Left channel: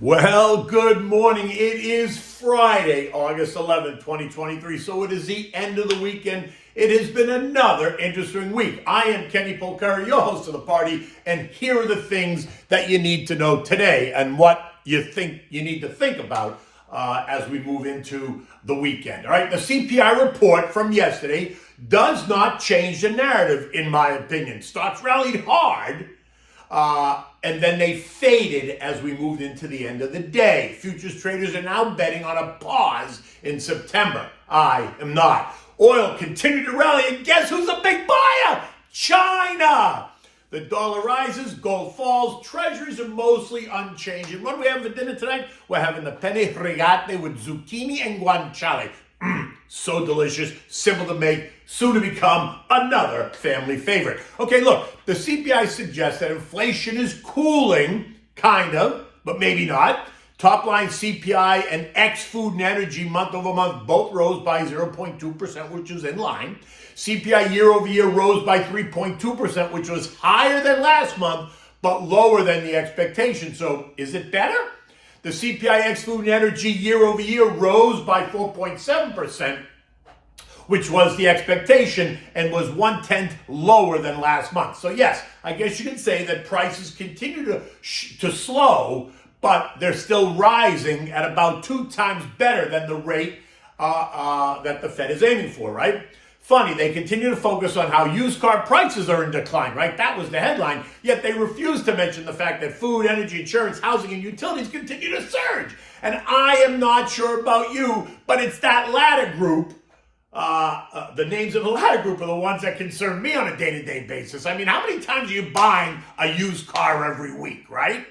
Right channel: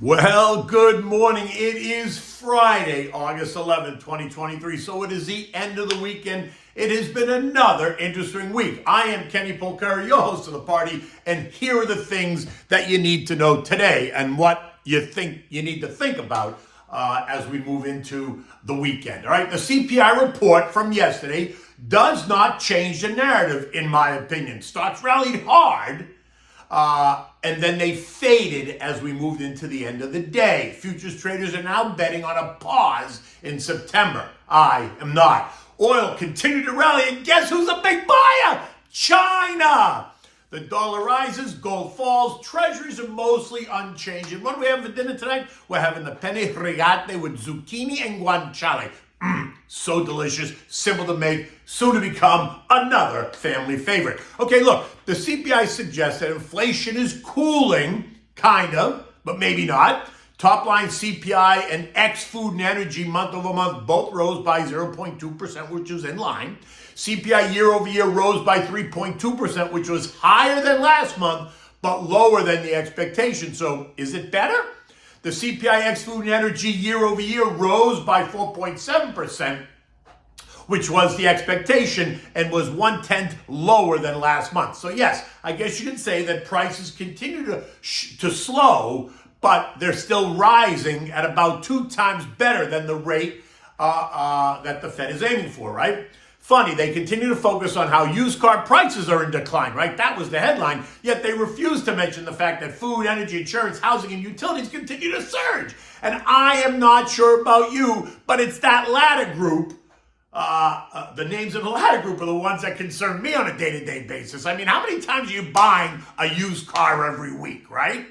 Well, good morning. It is Friday, August 11th, 2023. So it is the end of the weekend. It has been another interesting week. I am Kenny Polcari, your host of the party, and here are the things that you need to know today and what you think you need to think about as we move into the weekend. All right, the CPI report from yesterday does not change the narrative, in my opinion. Stocks rallied hard. And then they faded as we moved into the end of the day. Futures traders are now betting on a pause in September. I am not. Oil continued to rally, and guess who's a big buyer? China. The dollar rises, gold falls, treasuries are mostly unchanged. And what do we have for dinner tonight? We're having the Penne with Zucchini and Guanciale. So delicious, simple to make, soon to become another family favorite. Okay, look, the CPI suggests that inflation is cooling, kind of, but maybe not. Top line CPI and ex-food and energy month over month both rose by 0.2%, which is in line. CPI year over year rose by 3.2%, which was higher than last month, but lower than the expectation. So is it better? The CPI ex-food and energy year over year rose by 4.7%, which was the expectation and was 1/10 lower than last month. So yes, I guess you could say that prices continue to slow, but they're still rising at about 2 times better than the rate that the Fed is aiming for, right? Funny, they continue to focus on how used car prices are in decline, right? That was the headline, yet they refuse to mention the fact that food, energy, insurance, housing, and utilities continue to surge. And I am not sure about you, but it's that latter group, the names in the latter group are the ones that concern me on a day-to-day basis. I mean, how many times are you buying a used car every week, right?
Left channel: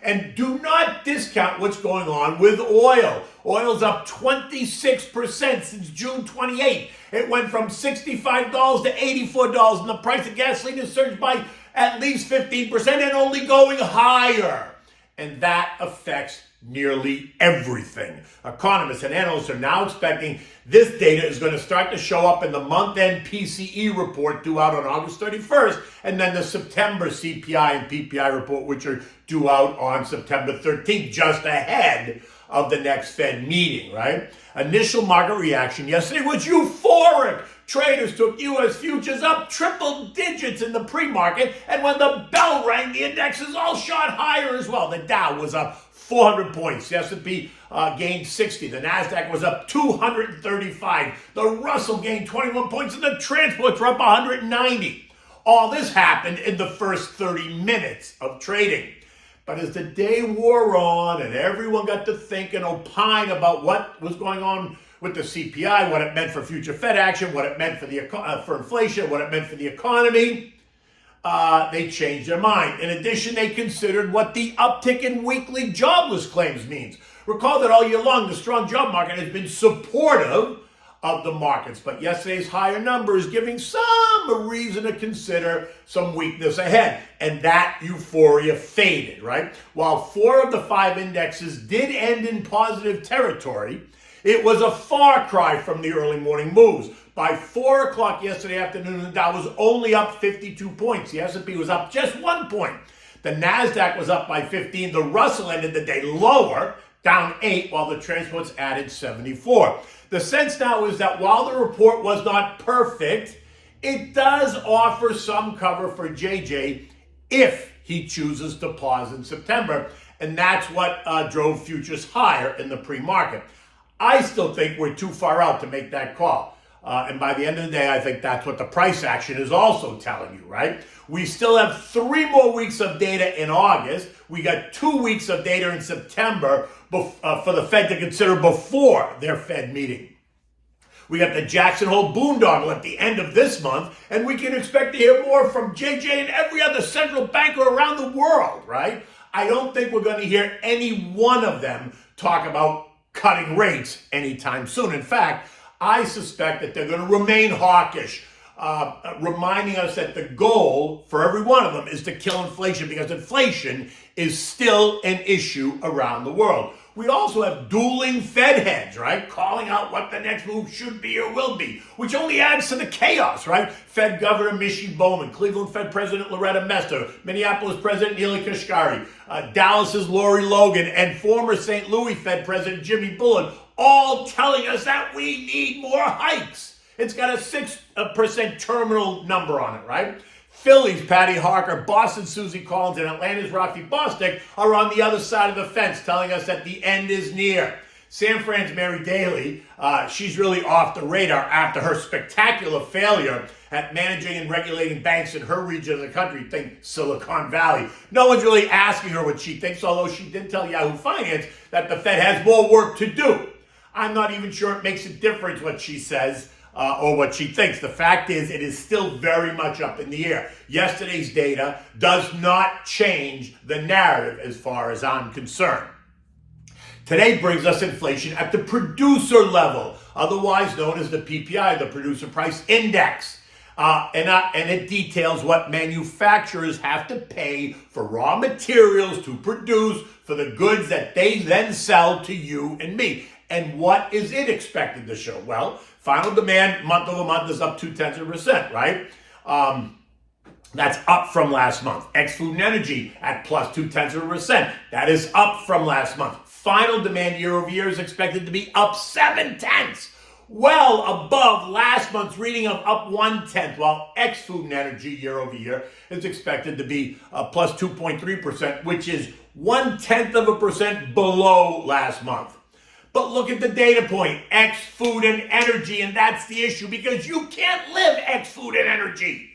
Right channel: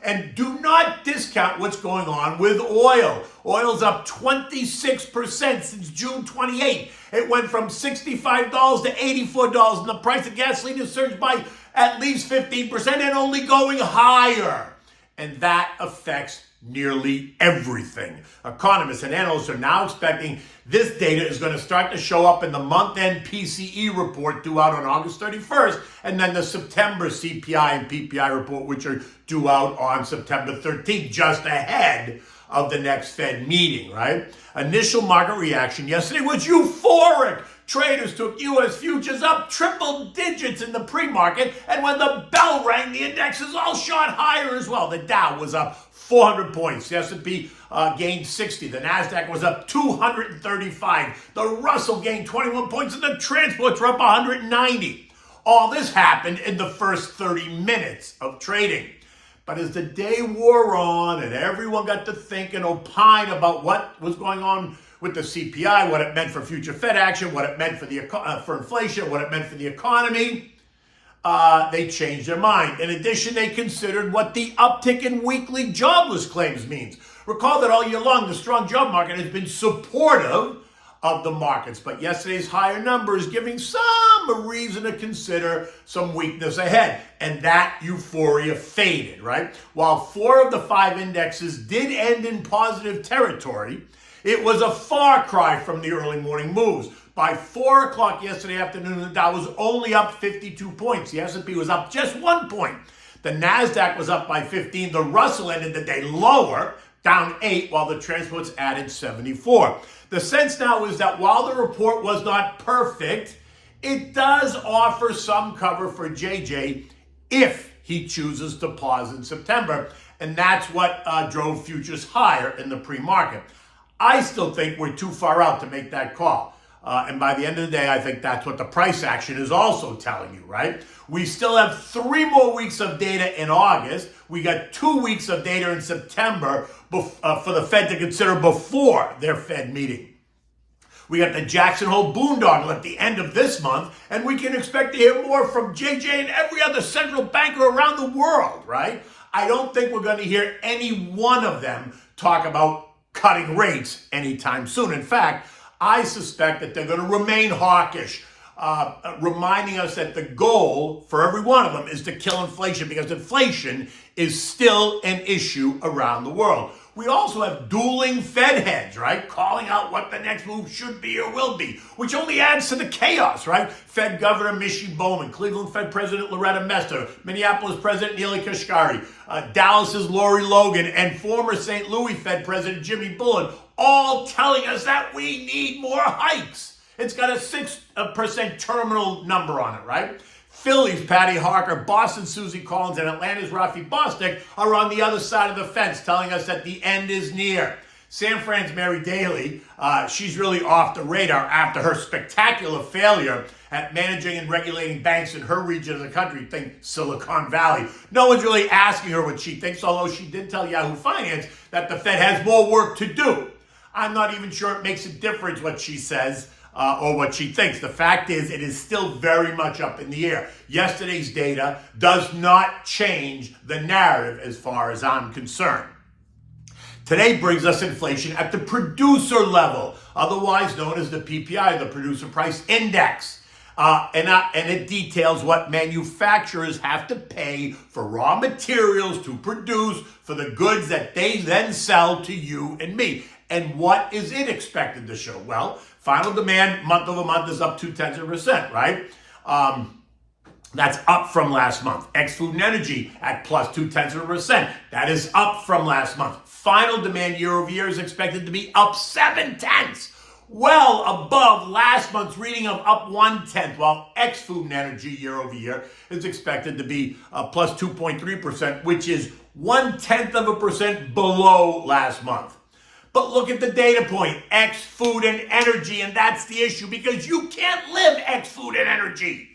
And do not discount what's going on with oil. Oil's up 26% since June 28th. It went from $65 to $84, and the price of gasoline has surged by at least 15% and only going higher. And that affects nearly everything. Economists and analysts are now expecting this data is going to start to show up in the month-end PCE report due out on August 31st, and then the September CPI and PPI report, which are due out on September 13th, just ahead of the next Fed meeting, right? Initial market reaction yesterday was euphoric. Traders took U.S. futures up triple digits in the pre-market, and when the bell rang, the indexes all shot higher as well. The Dow was up 400 points. The S&P gained 60. The NASDAQ was up 235. The Russell gained 21 points, and the transports were up 190. All this happened in the first 30 minutes of trading. But as the day wore on and everyone got to think and opine about what was going on with the CPI, what it meant for future Fed action, what it meant for inflation, what it meant for the economy, they changed their mind. In addition, they considered what the uptick in weekly jobless claims means. Recall that all year long, the strong job market has been supportive of the markets, but yesterday's higher numbers giving some reason to consider some weakness ahead, and that euphoria faded, right? While 4 of the 5 indexes did end in positive territory, it was a far cry from the early morning moves. By 4 o'clock yesterday afternoon, the Dow was only up 52 points. The S&P was up just 1 point. The NASDAQ was up by 15. The Russell ended the day lower, down 8, while the transports added 74. The sense now is that while the report was not perfect, it does offer some cover for JJ if he chooses to pause in September. And that's what drove futures higher in the pre-market. I still think we're too far out to make that call. And by the end of the day, I think that's what the price action is also telling you, right? We still have 3 more weeks of data in August. We got 2 weeks of data in September for the Fed to consider before their Fed meeting. We got the Jackson Hole boondoggle at the end of this month, and we can expect to hear more from JJ and every other central banker around the world, right? I don't think we're going to hear any one of them talk about cutting rates anytime soon. In fact, I suspect that they're going to remain hawkish, reminding us that the goal for every one of them is to kill inflation, because inflation is still an issue around the world. We also have dueling Fed heads, right? Calling out what the next move should be or will be, which only adds to the chaos, right? Fed Governor Michie Bowman, Cleveland Fed President Loretta Mester, Minneapolis President Neely Kashkari, Dallas's Lori Logan, and former St. Louis Fed President Jimmy Bullen, all telling us that we need more hikes. It's got a 6% terminal number on it, right? Philly's Patty Harker, Boston's Susie Collins, and Atlanta's Rafi Bostic are on the other side of the fence, telling us that the end is near. San Fran's Mary Daly, she's really off the radar after her spectacular failure at managing and regulating banks in her region of the country, think Silicon Valley. No one's really asking her what she thinks, although she did tell Yahoo Finance that the Fed has more work to do. I'm not even sure it makes a difference what she says. Or what she thinks. The fact is, it is still very much up in the air. Yesterday's data does not change the narrative as far as I'm concerned. Today brings us inflation at the producer level, otherwise known as the PPI, the Producer Price Index. And it details what manufacturers have to pay for raw materials to produce for the goods that they then sell to you and me. And what is it expected to show? Well, final demand month over month is up 0.2%, right? That's up from last month. Ex-food and energy at plus 0.2%. That is up from last month. Final demand year over year is expected to be up 0.7%. Well above last month's reading of up 0.1%, while ex-food and energy year over year is expected to be plus 2.3%, which is 0.1% below last month. But look at the data point, X, food, and energy, and that's the issue because you can't live X, food, and energy.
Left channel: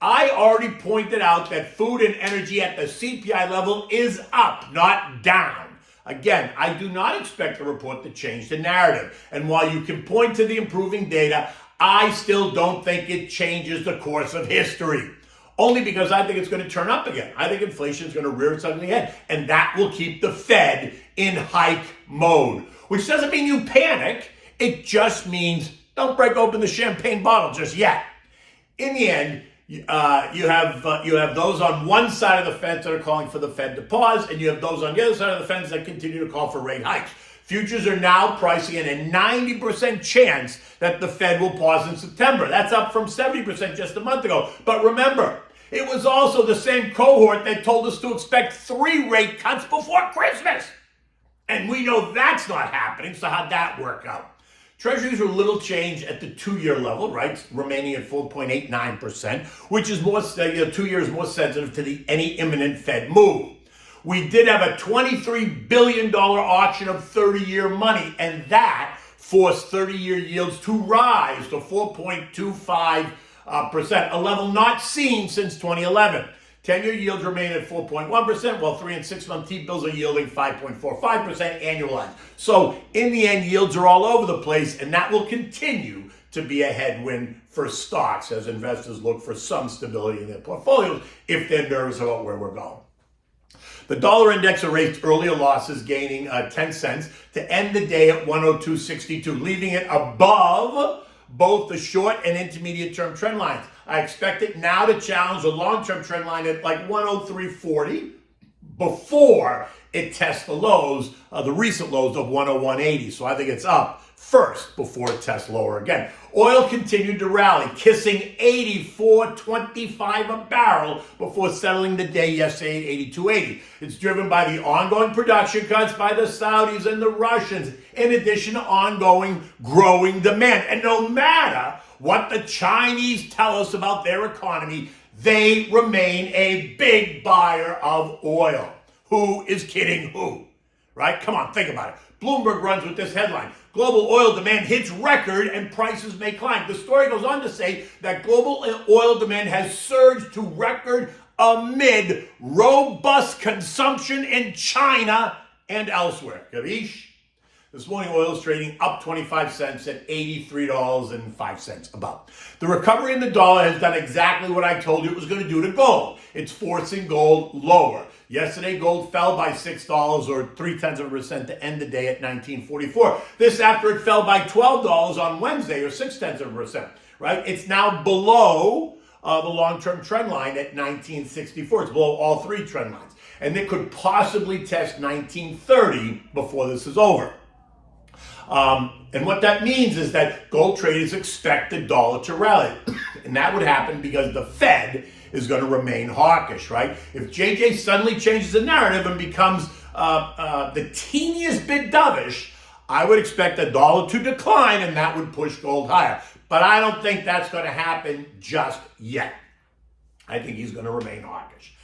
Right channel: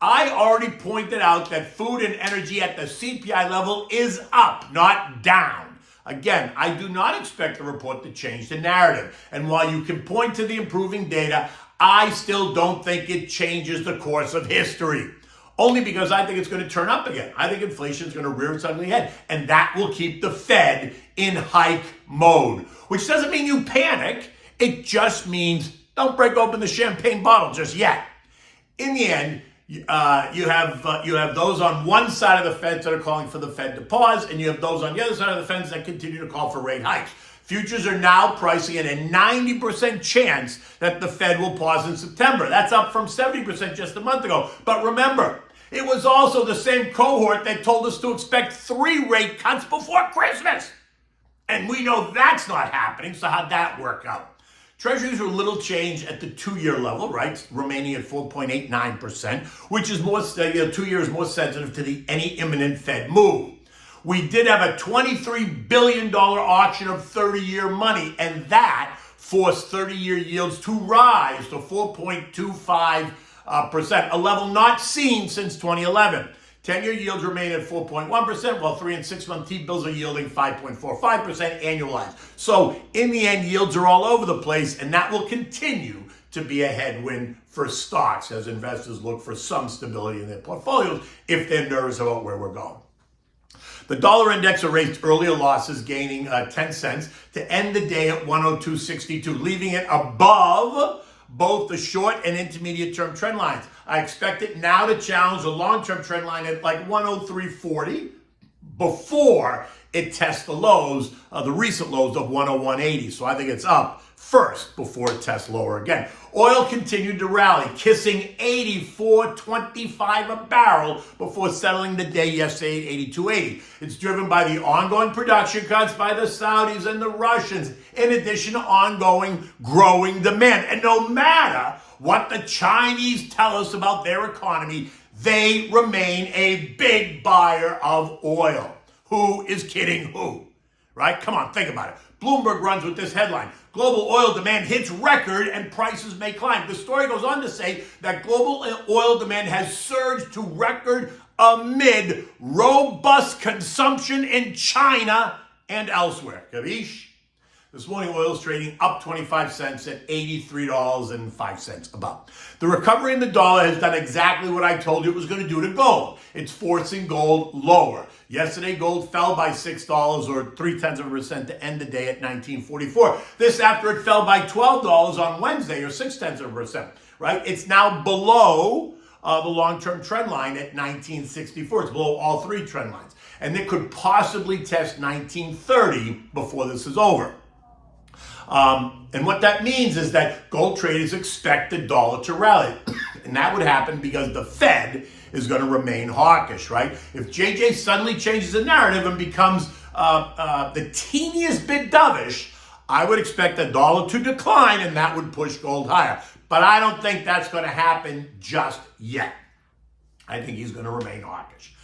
I already pointed out that food and energy at the CPI level is up, not down. Again, I do not expect the report to change the narrative. And while you can point to the improving data, I still don't think it changes the course of history. Only because I think it's going to turn up again. I think inflation is going to rear its ugly head. And that will keep the Fed in hike mode. Which doesn't mean you panic. It just means don't break open the champagne bottle just yet. In the end, you have those on one side of the fence that are calling for the Fed to pause. And you have those on the other side of the fence that continue to call for rate hikes. Futures are now pricing in a 90% chance that the Fed will pause in September. That's up from 70% just a month ago. But remember, it was also the same cohort that told us to expect 3 rate cuts before Christmas. And we know that's not happening, so how'd that work out? Treasuries are little change at the 2-year level, right? Remaining at 4.89%, which is more, 2 years more sensitive to any imminent Fed move. We did have a $23 billion auction of 30-year money, and that forced 30-year yields to rise to 4.25%, a level not seen since 2011. 10-year yields remain at 4.1%, while 3- and 6-month T-bills are yielding 5.45% annualized. So in the end, yields are all over the place, and that will continue to be a headwind for stocks as investors look for some stability in their portfolios if they're nervous about where we're going. The dollar index erased earlier losses, gaining 10 cents to end the day at 102.62, leaving it above both the short and intermediate term trend lines. I expect it now to challenge the long-term trend line at like 103.40 before it tests the lows, the recent lows of 101.80. So I think it's up first before it tests lower again. Oil continued to rally, kissing 84.25 a barrel before settling the day yesterday at 82.80. It's driven by the ongoing production cuts by the Saudis and the Russians, in addition to ongoing growing demand. And no matter what the Chinese tell us about their economy, they remain a big buyer of oil. Who is kidding who? Right? Come on, think about it. Bloomberg runs with this headline. Global oil demand hits record and prices may climb. The story goes on to say that global oil demand has surged to record amid robust consumption in China and elsewhere. Kavish? This morning, oil is trading up 25 cents at $83.05 about. The recovery in the dollar has done exactly what I told you it was going to do to gold. It's forcing gold lower. Yesterday, gold fell by $6 or 0.3% to end the day at $19.44. This after it fell by $12 on Wednesday or 0.6%, right? It's now below the long-term trend line at $19.64. It's below all 3 trend lines. and it could possibly test 1930 before this is over. And what that means is that gold traders expect the dollar to rally. And that would happen because the Fed is going to remain hawkish, right? If JJ suddenly changes the narrative and becomes the teeniest bit dovish, I would expect the dollar to decline, and that would push gold higher. But I don't think that's going to happen just yet. I think he's going to remain hawkish.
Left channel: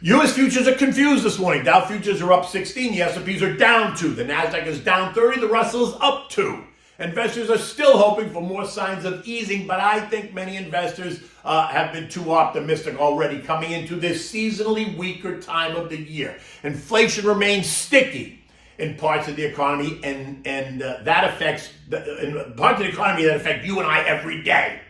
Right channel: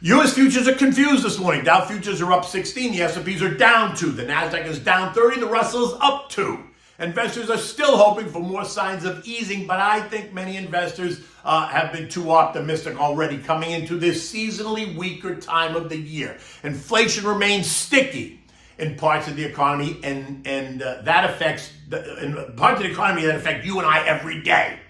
U.S. futures are confused this morning. Dow futures are up 16. The S&Ps are down 2. The Nasdaq is down 30. The Russell is up 2. Investors are still hoping for more signs of easing, but I think many investors have been too optimistic already coming into this seasonally weaker time of the year. Inflation remains sticky in parts of the economy, and that affects parts of the economy that affect you and I every day.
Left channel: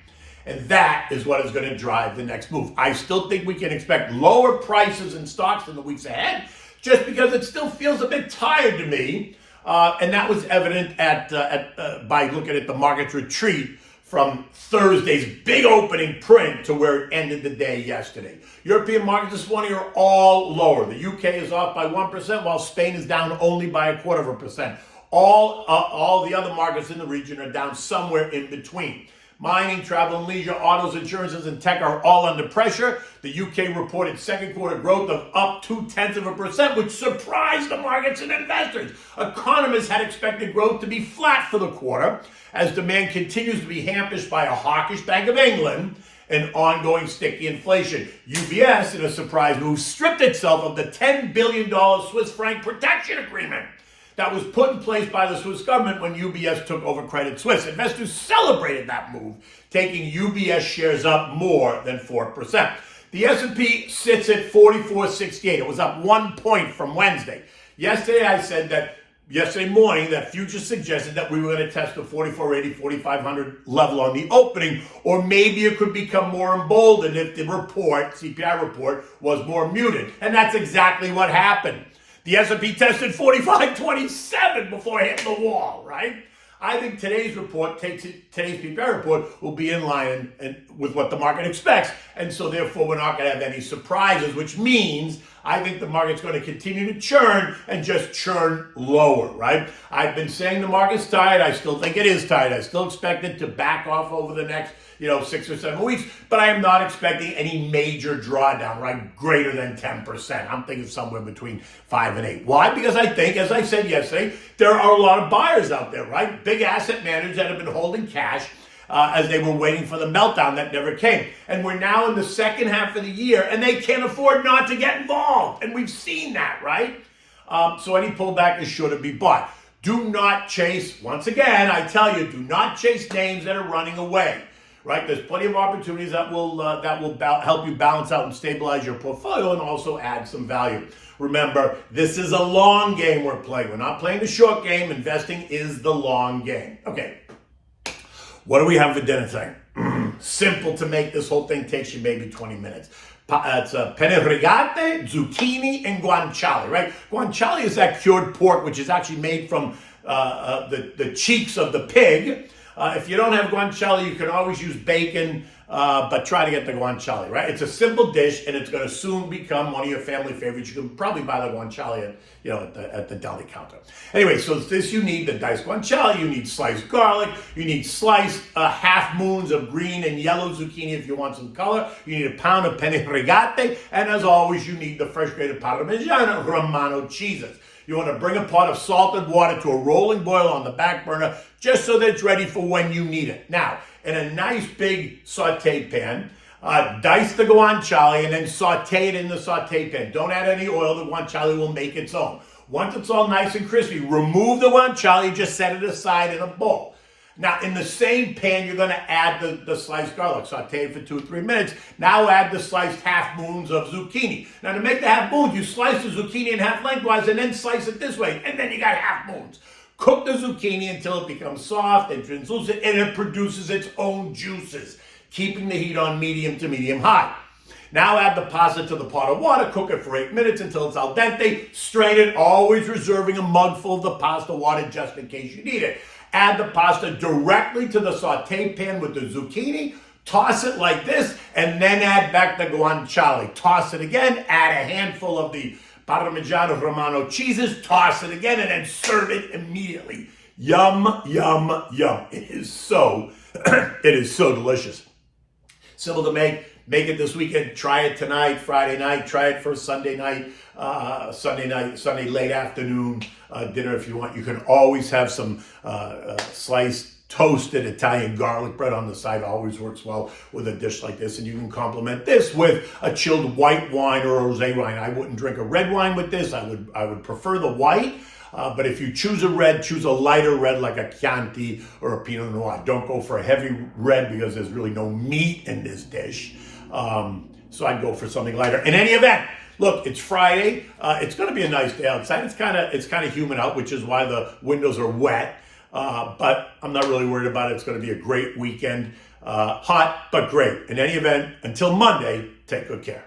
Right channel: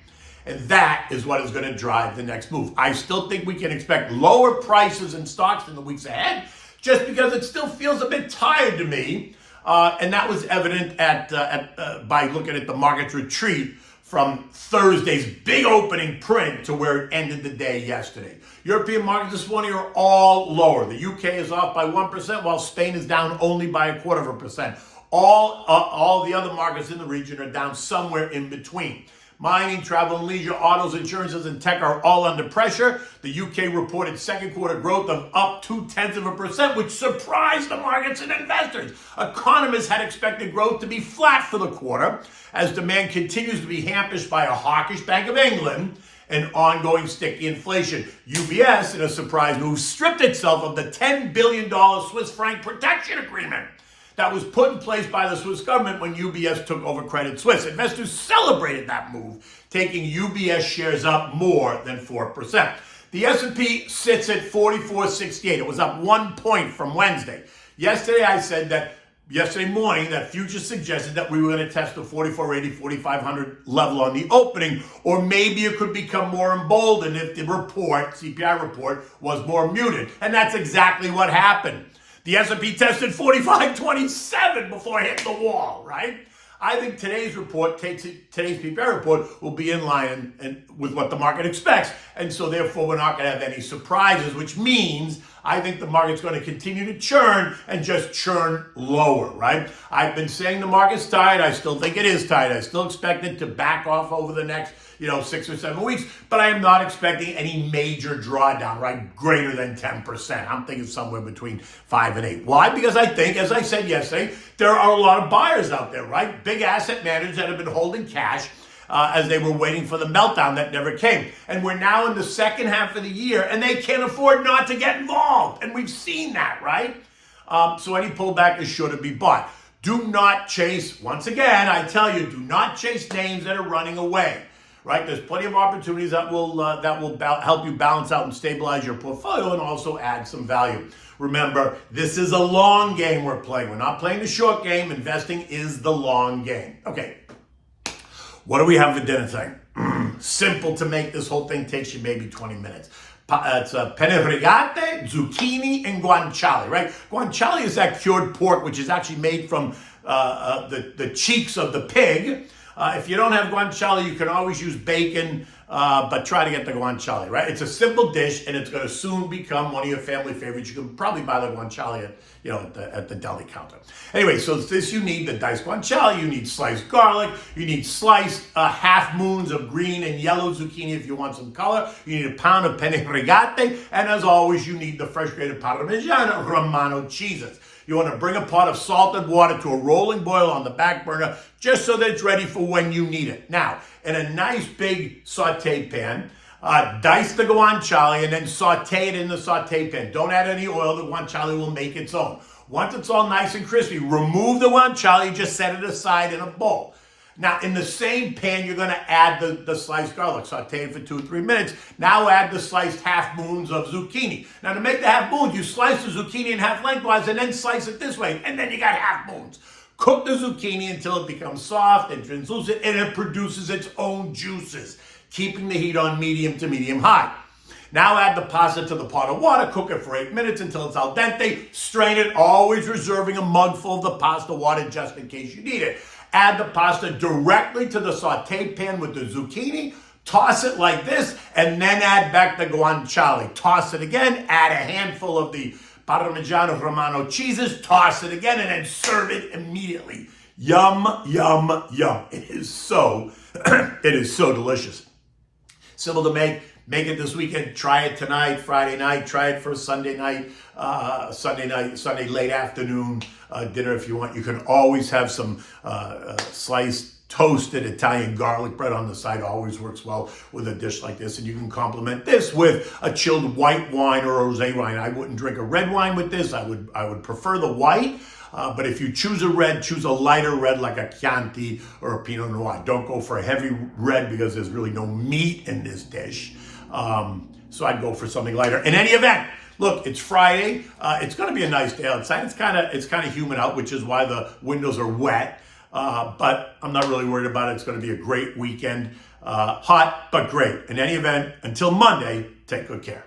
And that is what is going to drive the next move. I still think we can expect lower prices in stocks in the weeks ahead, just because it still feels a bit tired to me. And that was evident by looking at the market's retreat from Thursday's big opening print to where it ended the day yesterday. European markets this morning are all lower. The UK is off by 1%, while Spain is down only by 0.25%. All the other markets in the region are down somewhere in between. Mining, travel and leisure, autos, insurances, and tech are all under pressure. The UK reported second quarter growth of up 0.2%, which surprised the markets and investors. Economists had expected growth to be flat for the quarter, as demand continues to be hampered by a hawkish Bank of England and ongoing sticky inflation. UBS, in a surprise move, stripped itself of the $10 billion Swiss franc protection agreement that was put in place by the Swiss government when UBS took over Credit Suisse. Investors celebrated that move, taking UBS shares up more than 4%. The S&P sits at 4468. It was up 1 point from Wednesday. Yesterday morning, that futures suggested that we were going to test the 4480, 4500 level on the opening, or maybe it could become more emboldened if the CPI report, was more muted. And that's exactly what happened. The S&P tested 4527 before hitting the wall, right? I think today's PPI report will be in line with what the market expects. And so therefore, we're not going to have any surprises, which means I think the market's going to continue to churn and just churn lower, right? I've been saying the market's tight. I still think it is tight. I still expect it to back off over the next 6 or 7 weeks, but I am not expecting any major drawdown, right? Greater than 10%. I'm thinking somewhere between 5 and 8. Why? Because I think, as I said yesterday, there are a lot of buyers out there, right? Big asset managers that have been holding cash as they were waiting for the meltdown that never came. And we're now in the second half of the year, and they can't afford not to get involved. And we've seen that, right? So any pullback is sure to be bought. Do not chase, once again, I tell you, do not chase names that are running away. Right, there's plenty of opportunities that will help you balance out and stabilize your portfolio and also add some value. Remember, this is a long game we're playing. We're not playing the short game. Investing is the long game. Okay, what do we have for dinner tonight? Simple to make. This whole thing takes you maybe 20 minutes. It's penne rigate, zucchini, and guanciale, right? Guanciale is that cured pork, which is actually made from the cheeks of the pig. If you don't have guanciale, you can always use bacon, but try to get the guanciale, right? It's a simple dish, and it's going to soon become one of your family favorites. You can probably buy the guanciale at the deli counter. Anyway, so this you need the diced guanciale, you need sliced garlic, you need sliced half moons of green and yellow zucchini if you want some color, you need a pound of penne rigate, and as always, you need the fresh grated Parmigiano Romano cheeses. You want to bring a pot of salted water to a rolling boil on the back burner just so that it's ready for when you need it. Now, in a nice big saute pan, dice the guanciale and then saute it in the saute pan. Don't add any oil. The guanciale will make its own. Once it's all nice and crispy, remove the guanciale, just set it aside in a bowl. Now, in the same pan, you're going to add the sliced garlic. Saute it for 2 or 3 minutes. Now add the sliced half moons of zucchini. Now, to make the half moons, you slice the zucchini in half lengthwise and then slice it this way. And then you got half moons. Cook the zucchini until it becomes soft and translucent, and it produces its own juices, keeping the heat on medium to medium high. Now add the pasta to the pot of water, cook it for 8 minutes until it's al dente, strain it, always reserving a mugful of the pasta water just in case you need it. Add the pasta directly to the saute pan with the zucchini, toss it like this, and then add back the guanciale. Toss it again, add a handful of the Parmigiano Romano cheeses, toss it again, and then serve it immediately. Yum, yum, yum. It is so delicious. Simple to make. Make it this weekend. Try it tonight, Friday night. Try it for Sunday night, Sunday late afternoon dinner if you want. You can always have some sliced toasted Italian garlic bread on the side. Always works well with a dish like this. And you can complement this with a chilled white wine or rosé wine. I wouldn't drink a red wine with this. I would prefer the white. But if you choose a red, choose a lighter red like a Chianti or a Pinot Noir. Don't go for a heavy red because there's really no meat in this dish. So I'd go for something lighter. In any event, look, it's Friday. It's going to be a nice day outside. It's kind of humid out, which is why the windows are wet. But I'm not really worried about it. It's going to be a great weekend. Hot, but great. In any event, until Monday, take good care.